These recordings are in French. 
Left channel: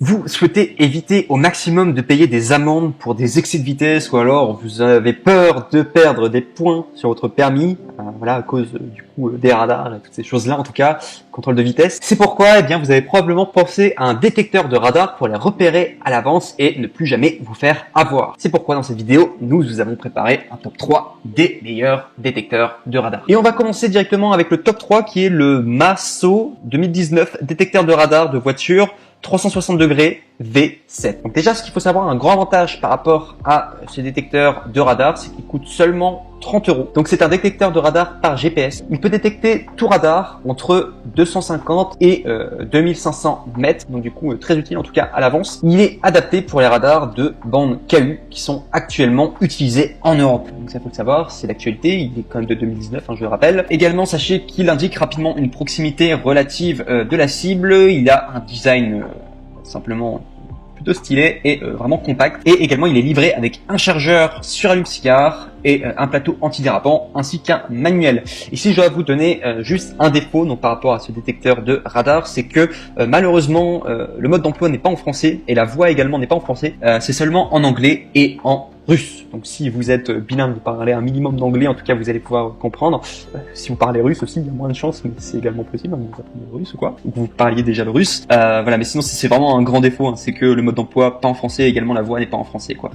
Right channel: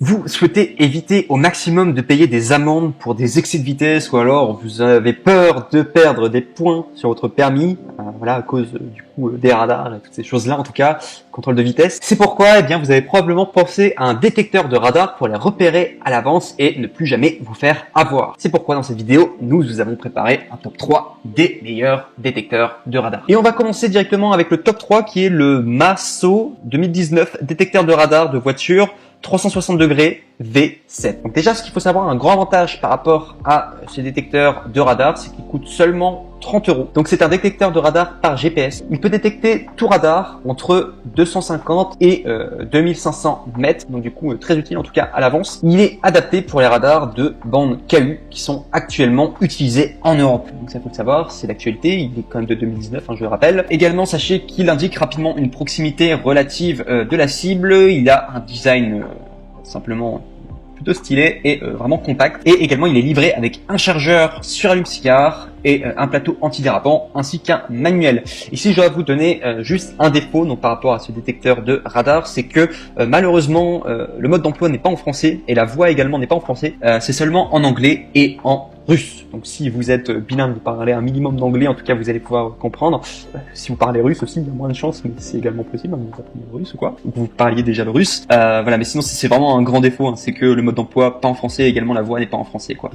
Vous souhaitez éviter au maximum de payer des amendes pour des excès de vitesse ou alors vous avez peur de perdre des points sur votre permis, voilà, à cause du coup des radars et toutes ces choses-là, en tout cas, contrôle de vitesse. C'est pourquoi, eh bien, vous avez probablement pensé à un détecteur de radar pour les repérer à l'avance et ne plus jamais vous faire avoir. C'est pourquoi dans cette vidéo, nous vous avons préparé un top 3 des meilleurs détecteurs de radar. Et on va commencer directement avec le top 3 qui est le Masso 2019 détecteur de radar de voiture 360 degrés V7. Donc déjà, ce qu'il faut savoir, un grand avantage par rapport à ces détecteurs de radar, c'est qu'il coûte seulement 30 €. Donc c'est un détecteur de radar par GPS. Il peut détecter tout radar entre 250 et 2500 mètres. Donc du coup, très utile en tout cas à l'avance. Il est adapté pour les radars de bande KU qui sont actuellement utilisés en Europe. Donc ça faut le savoir, c'est l'actualité. Il est quand même de 2019, je le rappelle. Également, sachez qu'il indique rapidement une proximité relative de la cible. Il a un design simplement plutôt stylé et vraiment compact. Et également, il est livré avec un chargeur sur allume-cigare et un plateau antidérapant ainsi qu'un manuel. Ici, je dois vous donner juste un défaut donc par rapport à ce détecteur de radar, c'est que malheureusement, le mode d'emploi n'est pas en français et la voix également n'est pas en français. C'est seulement en anglais et en russe. Donc si vous êtes bilingue, vous parlez un minimum d'anglais, en tout cas vous allez pouvoir comprendre. Si vous parlez russe aussi, il y a moins de chance, mais c'est également possible, vous apprenez le russe ou quoi. Donc vous parliez déjà le russe. Voilà, mais sinon c'est vraiment un grand défaut, c'est que le mode d'emploi pas en français, également la voix n'est pas en français, quoi.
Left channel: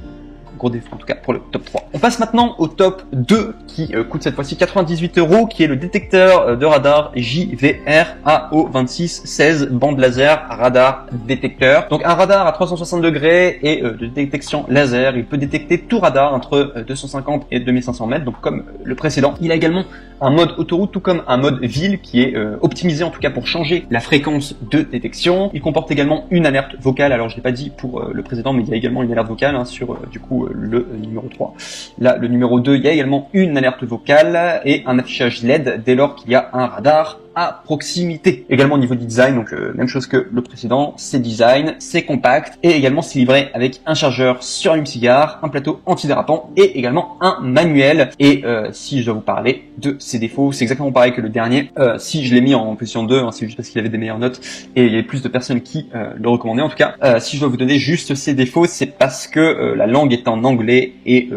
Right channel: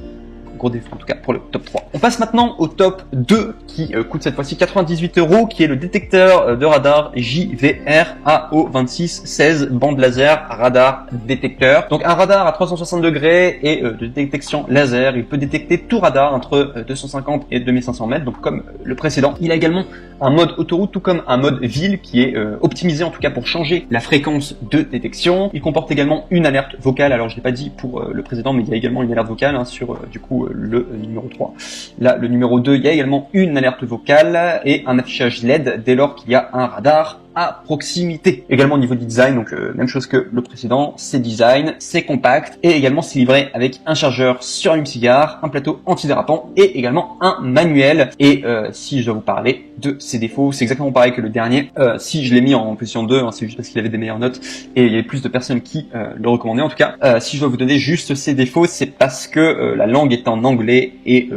Gros défaut en tout cas pour le top 3. On passe maintenant au top 2 qui coûte cette fois-ci 98 €, qui est le détecteur de radar JVR AO2616 bande laser radar détecteur. Donc un radar à 360 degrés et de détection laser. Il peut détecter tout radar entre 250 et 2500 mètres, donc comme le précédent. Il a également un mode autoroute tout comme un mode ville qui est optimisé en tout cas pour changer la fréquence de détection. Il comporte également une alerte vocale. Alors je l'ai pas dit pour le précédent, mais il y a également une alerte vocale sur du coup le numéro 3. Là, le numéro 2, il y a également une alerte vocale et un affichage LED dès lors qu'il y a un radar à proximité. Également au niveau du design, donc même chose que le précédent, c'est design, c'est compact et également c'est livré avec un chargeur sur allume-cigare, un plateau antidérapant et également un manuel. Et si je dois vous parler de ses défauts, c'est exactement pareil que le dernier. Si je l'ai mis en position 2, c'est juste parce qu'il avait des meilleures notes et il y avait plus de personnes qui le recommandaient. En tout cas, si je dois vous donner juste ses défauts, c'est parce que la langue est en anglais et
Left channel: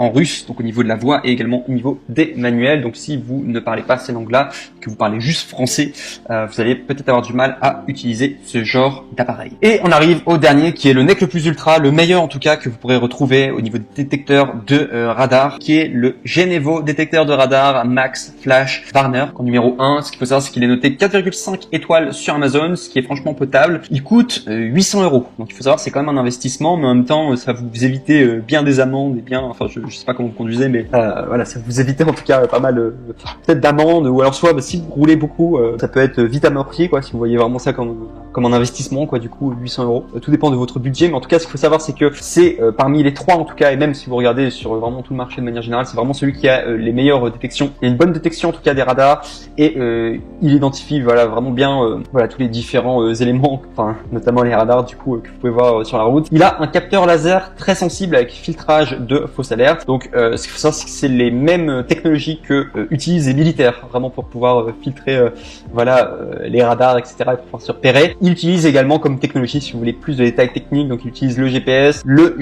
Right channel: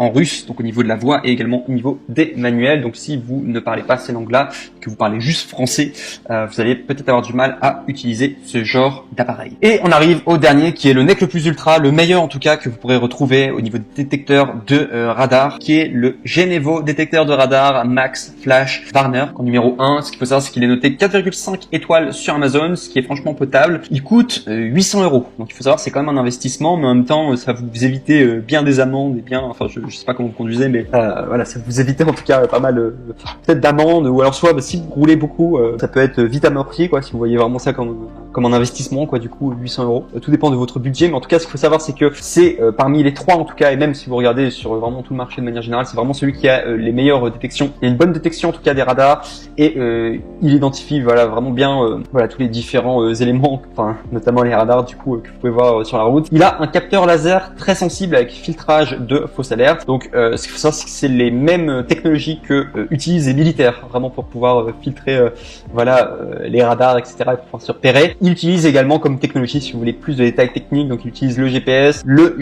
en russe, donc au niveau de la voix et également au niveau des manuels. Donc si vous ne parlez pas ces langues-là, que vous parlez juste français, vous allez peut-être avoir du mal à utiliser ce genre d'appareil. Et on arrive au dernier qui est le NEC le plus ultra, le meilleur en tout cas que vous pourrez retrouver au niveau des détecteurs de radar, qui est le Genevo détecteur de radar Max Flash Warner en numéro 1. Ce qu'il faut savoir, c'est qu'il est noté 4,5 étoiles sur Amazon, ce qui est franchement potable. Il coûte 800 €. Donc il faut savoir, c'est quand même un investissement, mais en même temps, ça vous évite bien des amendes et bien, enfin je sais pas comment vous conduisez, mais voilà, ça vous évite en tout cas pas mal peut-être d'amendes, ou alors soit si vous roulez beaucoup, ça peut être vite amorti quoi, si vous voyez vraiment ça comme un investissement quoi, du coup 800 €. Tout dépend de votre budget, mais en tout cas ce qu'il faut savoir, c'est que c'est parmi les trois en tout cas, et même si vous regardez sur vraiment tout le marché de manière générale, c'est vraiment celui qui a les meilleures détections. Il y a une bonne détection en tout cas des radars et il identifie voilà vraiment bien voilà tous les différents éléments, enfin notamment les radars du coup que vous pouvez voir sur la route. Il a un capteur laser très sensible avec filtrage de fausses alertes. Donc ce qu'il faut savoir, c'est que c'est les mêmes technologies que utilisent les militaires vraiment pour pouvoir filtrer voilà les radars, etc. et pour pouvoir se repérer. Il utilise également comme technologie, si vous voulez plus de détails techniques, donc il utilise le GPS, le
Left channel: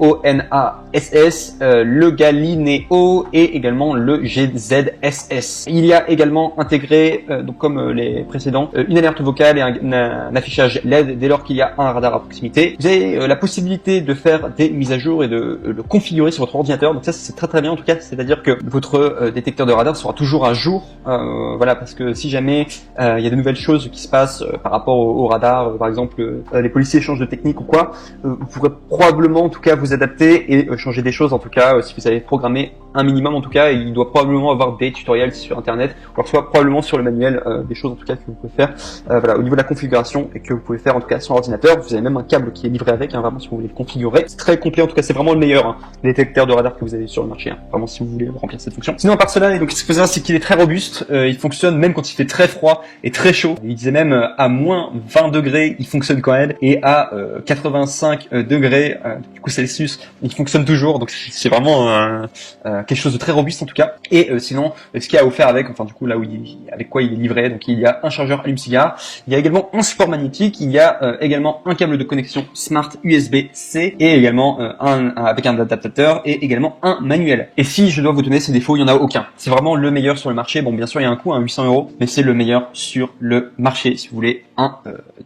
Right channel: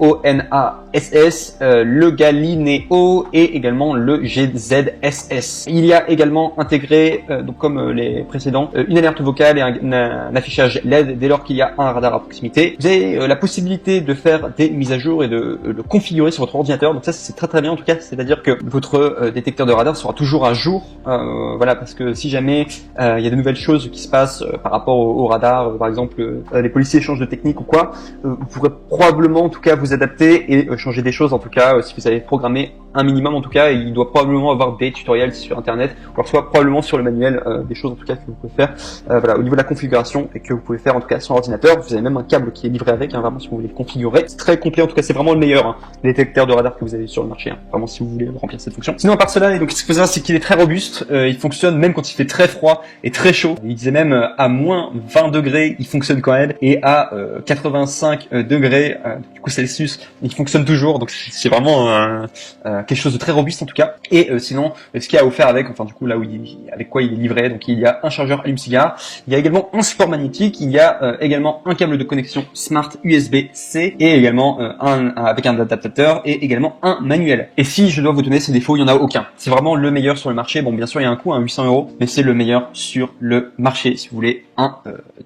GLONASS, le Galileo et également le GZSS. Il y a également intégré, donc comme les précédents, une alerte vocale et un affichage LED dès lors qu'il y a un radar à proximité. Vous avez la possibilité de faire des mises à jour et de le configurer sur votre ordinateur. Donc ça c'est très bien en tout cas, c'est-à-dire que votre détecteur de radar sera toujours à jour, voilà, parce que si jamais il y a de nouvelles choses qui se passent par rapport au radar, par exemple les policiers changent de technique ou quoi, vous pourrez probablement en tout cas vous adapter et changer des choses en tout cas si vous avez programmé un minimum en tout cas, et il doit probablement avoir des tutoriels sur internet, ou alors soit probablement sur le manuel des choses en tout cas que vous pouvez faire voilà, au niveau de la configuration et que vous pouvez faire en tout cas sur ordinateur. Vous avez même un câble qui est livré avec, vraiment si vous voulez le configurer. C'est très complet en tout cas, c'est vraiment le meilleur détecteur de radar que vous avez sur le marché, vraiment si vous voulez remplir cette fonction. Sinon à part cela, donc ce qu'il faut savoir, c'est qu'il est très robuste, il fonctionne même quand il fait très froid et très chaud. Il disait même à moins 20 degrés il fonctionne quand même, et à 85 degrés du coup Celsius il fonctionne toujours. Donc c'est vraiment quelque chose de très robuste en tout cas. Et sinon, ce qu'il y a offert avec, enfin du coup là où avec quoi il est livré, donc il y a un chargeur allume-cigare, il y a également un support magnétique, il y a également un câble de connexion Smart USB-C et également avec un adaptateur et également un manuel. Et si je dois vous donner ses défauts, il n'y en a aucun. C'est vraiment le meilleur sur le marché. Bon, bien sûr, il y a un coût à 800 €, mais c'est le meilleur sur le marché si vous voulez un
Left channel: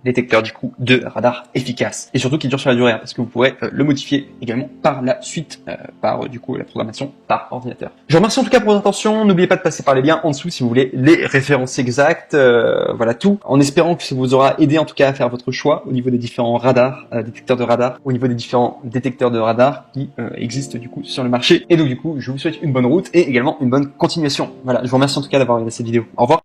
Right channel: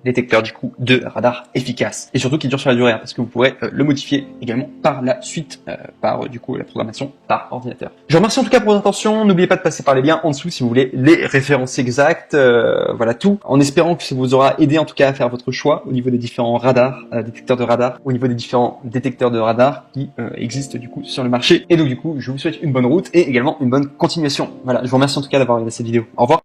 détecteur du coup de radar efficace et surtout qui dure sur la durée, parce que vous pourrez le modifier également par la suite par du coup la programmation par ordinateur. Je vous remercie en tout cas pour votre attention. N'oubliez pas de passer par les liens en dessous si vous voulez les références exactes. Voilà tout. En espérant que ça vous aura aidé en tout cas à faire votre choix au niveau des différents radars, détecteurs de radar, au niveau des différents détecteurs de radar qui existent du coup sur le marché. Et du coup, je vous souhaite une bonne route et également une bonne continuation. Voilà, je vous remercie en tout cas d'avoir regardé cette vidéo. Au revoir.